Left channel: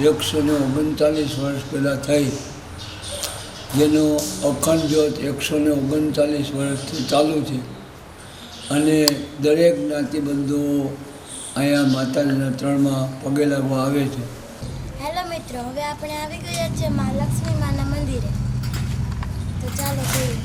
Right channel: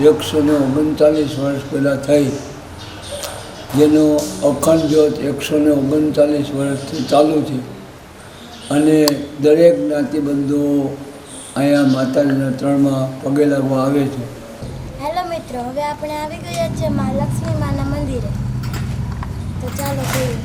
139 વર્ષ પહેલાં થઈ, જેનો અખંડ જ્યોત 139 વર્ષથી ચાલુ છે. અને દરેક જ્ઞાતિબંધુઓ અહીંયા માતાજીના ચરણમાં પગે લાગવા આવે છે. હેલો મિત્રો, હવે આપણે આવી ગયા છે મા લક્ષ્મી માના મંદિરે. તો ચાલો જોઈએ.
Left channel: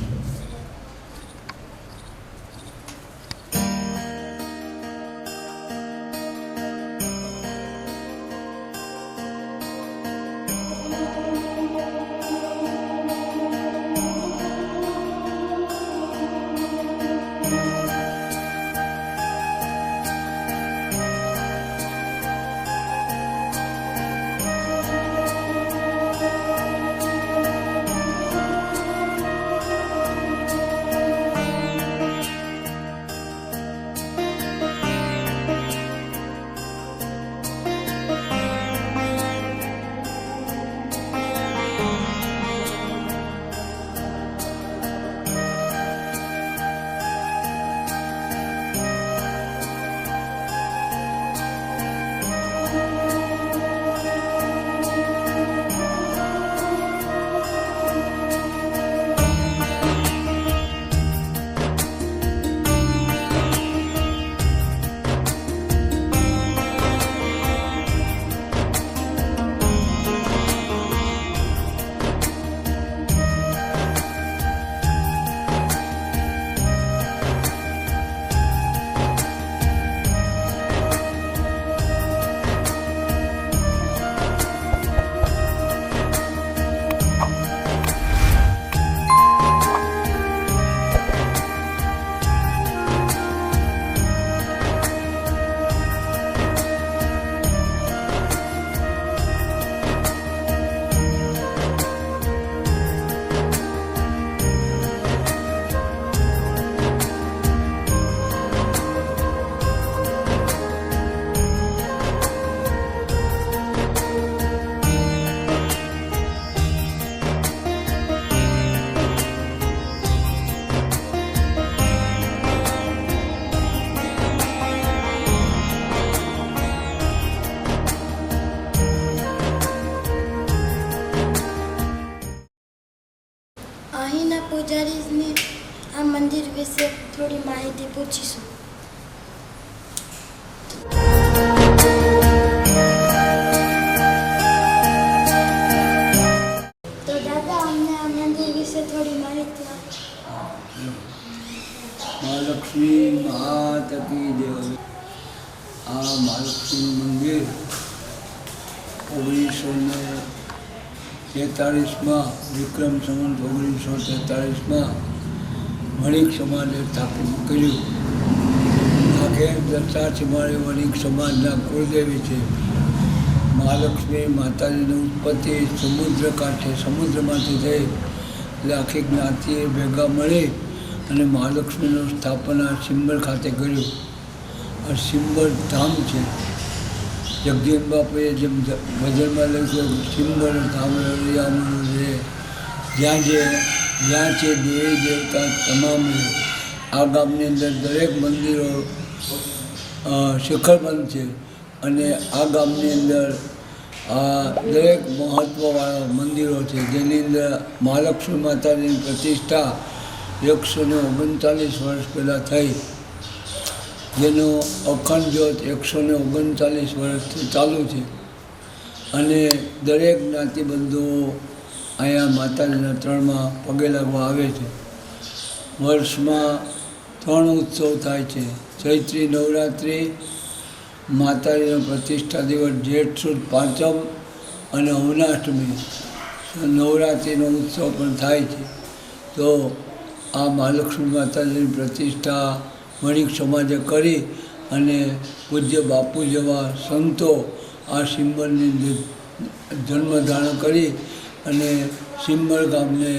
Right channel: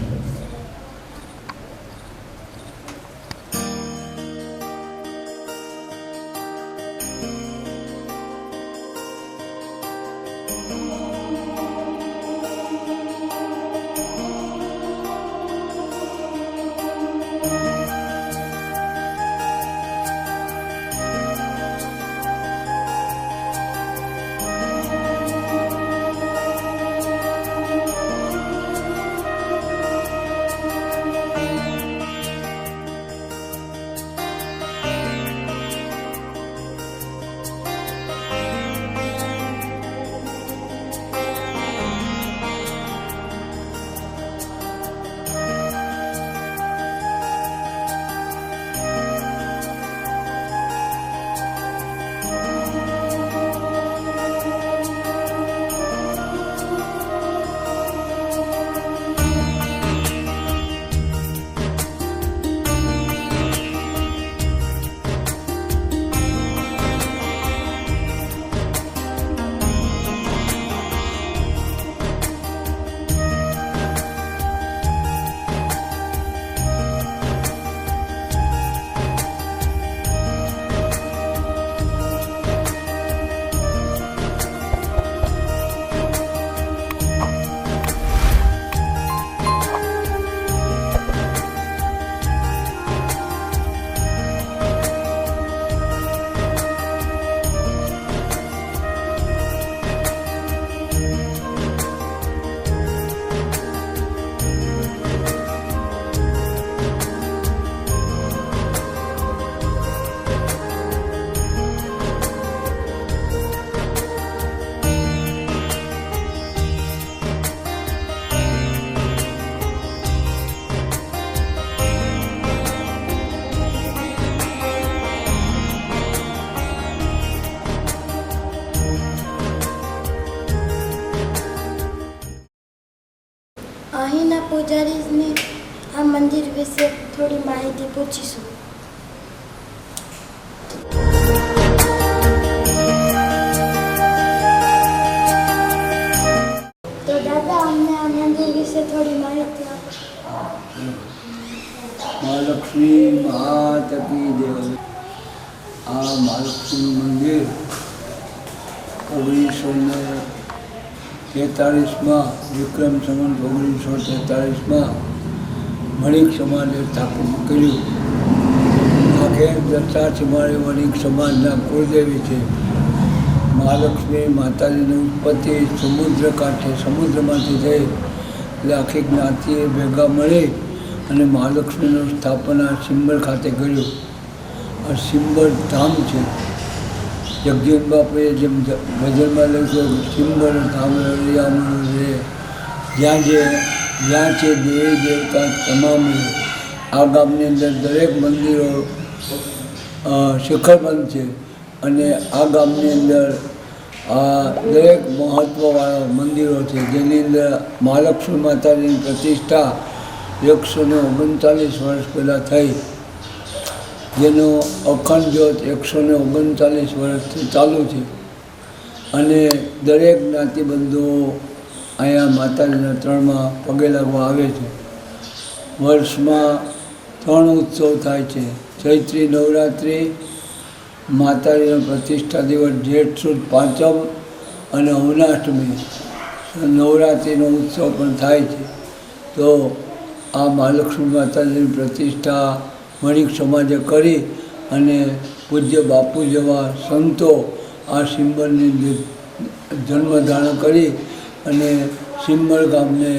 અહીંના પૂજારીની આ મંદિર વિશે થોડી માહિતી પૂછીશું. તો દાદા, અમને આ મંદિર વિશે થોડી માહિતી આપો. મહાલક્ષ્મી માત કી જય. આ મહાલક્ષ્મીનું મંદિર 1943માં વિક્રમ સંવત 1943માં વણિક સમાજે સ્થાપિત કર્યું. આખે દત્તા મારી વણિક સમાજના કુળદેવી છે. મહાલક્ષ્મી માતાજીની ઉત્પત્તિ સમુદ્ર કાંઠે સમુદ્રમાંથી થઈ, એટલે આખી જ્ઞાતિએ ભેગા મળી અને મહાલક્ષ્મીનું સ્થાપના સિંબર ખાતે કર્યું. આ સિંબર ધામ છે. જગજીવન બાપુએ જેમ ભજનમાં લખ્યું, સિંબર ધામ રળિયામણું રે, જ્યાં છે દેવી દેવતા તમામ રે. આ ગામની અંદર દરેક મંદિરો શિખરબંધ છે. અને આ ગામની અંદર દરેક મહત્ત્વવાળા મંદિરો છે, જેની અંદર મહાલક્ષ્મી માતાજીની પ્રતિષ્ઠા 139 વર્ષ પહેલાં થઈ, જેનો અખંડ જ્યોત 139 વર્ષથી ચાલુ છે. અને દરેક જ્ઞાતિબંધુઓ અહીંયા માતાજીના ચરણમાં પગે લાગવા આવે છે. વર્ષમાં 3 ઉત્સવ થાય છે: ચૈત્રી નવરાત્રિ, માતાજીનો પ્રતિષ્ઠા દિવસ જેઠ સુદ પાંચમ અને અવનાષ્ટમી નવરાત્રિનો ઉત્સવ પણ થાય છે. તો આ મહાલક્ષ્મી માતાજીની પ્રતિષ્ઠા વણિક સમાજે કરી અને પૂજ્ય બાપુ જેવા સંતો આ સિંબરની જન્મ ધારણ કરી અને સિંબર ગામને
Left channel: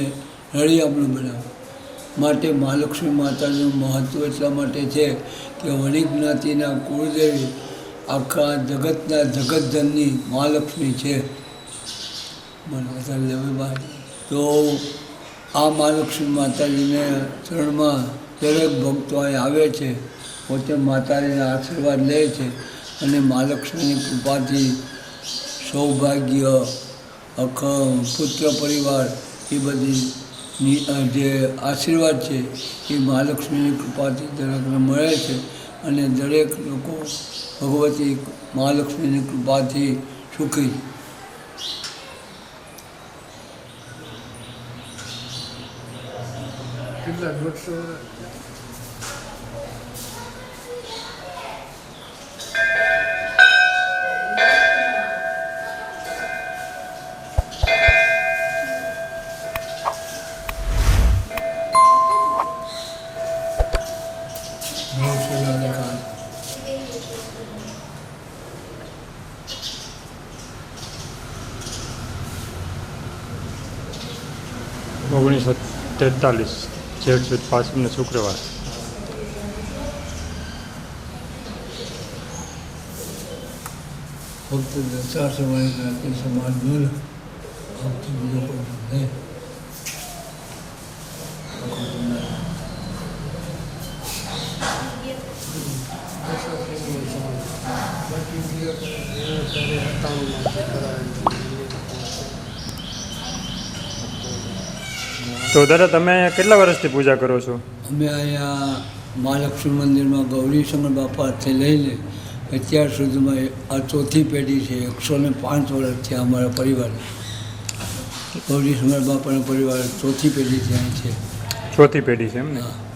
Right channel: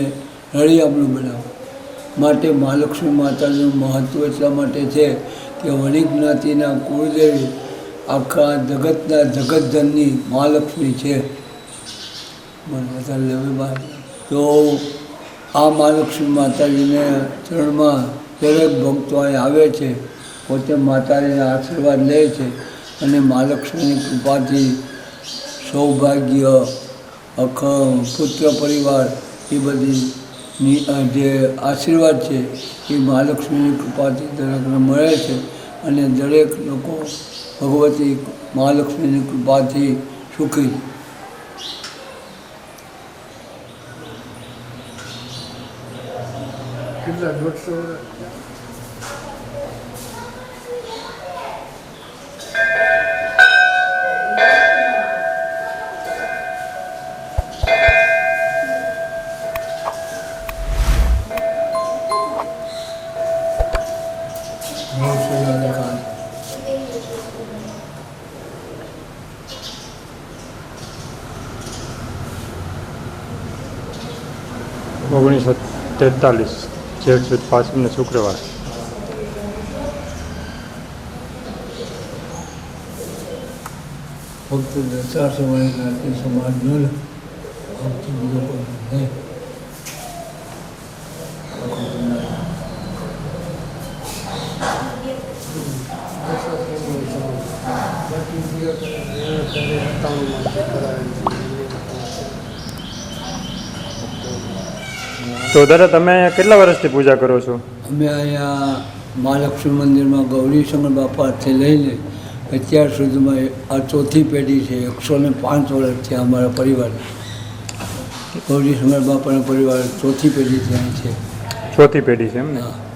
રળિયામણું બનાવ્યું. માટે મહાલક્ષ્મી માતાજીનું મહત્ત્વ એટલા માટે છે કે વણિક જ્ઞાતિના કુળદેવી આખા જગતના જગતજનની મહાલક્ષ્મી છે. તો આ મહાલક્ષ્મી માતાજીને ચરણમાં દરેક ભક્તો અહીં આવે છે, પોતે માતાજીના આશીર્વાદ લે છે અને મહાલક્ષ્મીની કૃપાથી સૌભાગ્ય, પુત્ર પરિવાર એ બધી જે આશીર્વાદ છે એ મહાલક્ષ્મીની કૃપાથી દરેકને મળે છે અને દરેક લોકો ભગવતી મહાલક્ષ્મીની કૃપાથી સુખી. કેટલા 150 વર્ષ? ઓગણીસો 43 જેઠ સુદ 5 શુક્રવાર. ફક્ત દશા સમય જ્ઞાતિ સમાજનો જ ફક્ત બીજો કોઈ નહીં. તો દાદા તમે અહીંયા કેટલા વર્ષથી પૂજા કરો છો? અમે અહીંયા મહાલક્ષ્મી મંદિરમાં ગૌરીશંકર બાપાથી લઈને અત્યાર સુધીમાં આ ચોથી પેઢી છે. 105 વર્ષથી અમારા પરિવાર ગૌરીશંકર બાપાના પરિવાર ચોથી પેઢીથી અહીં છે. ચોથી પેઢી છે એમ ને? હા.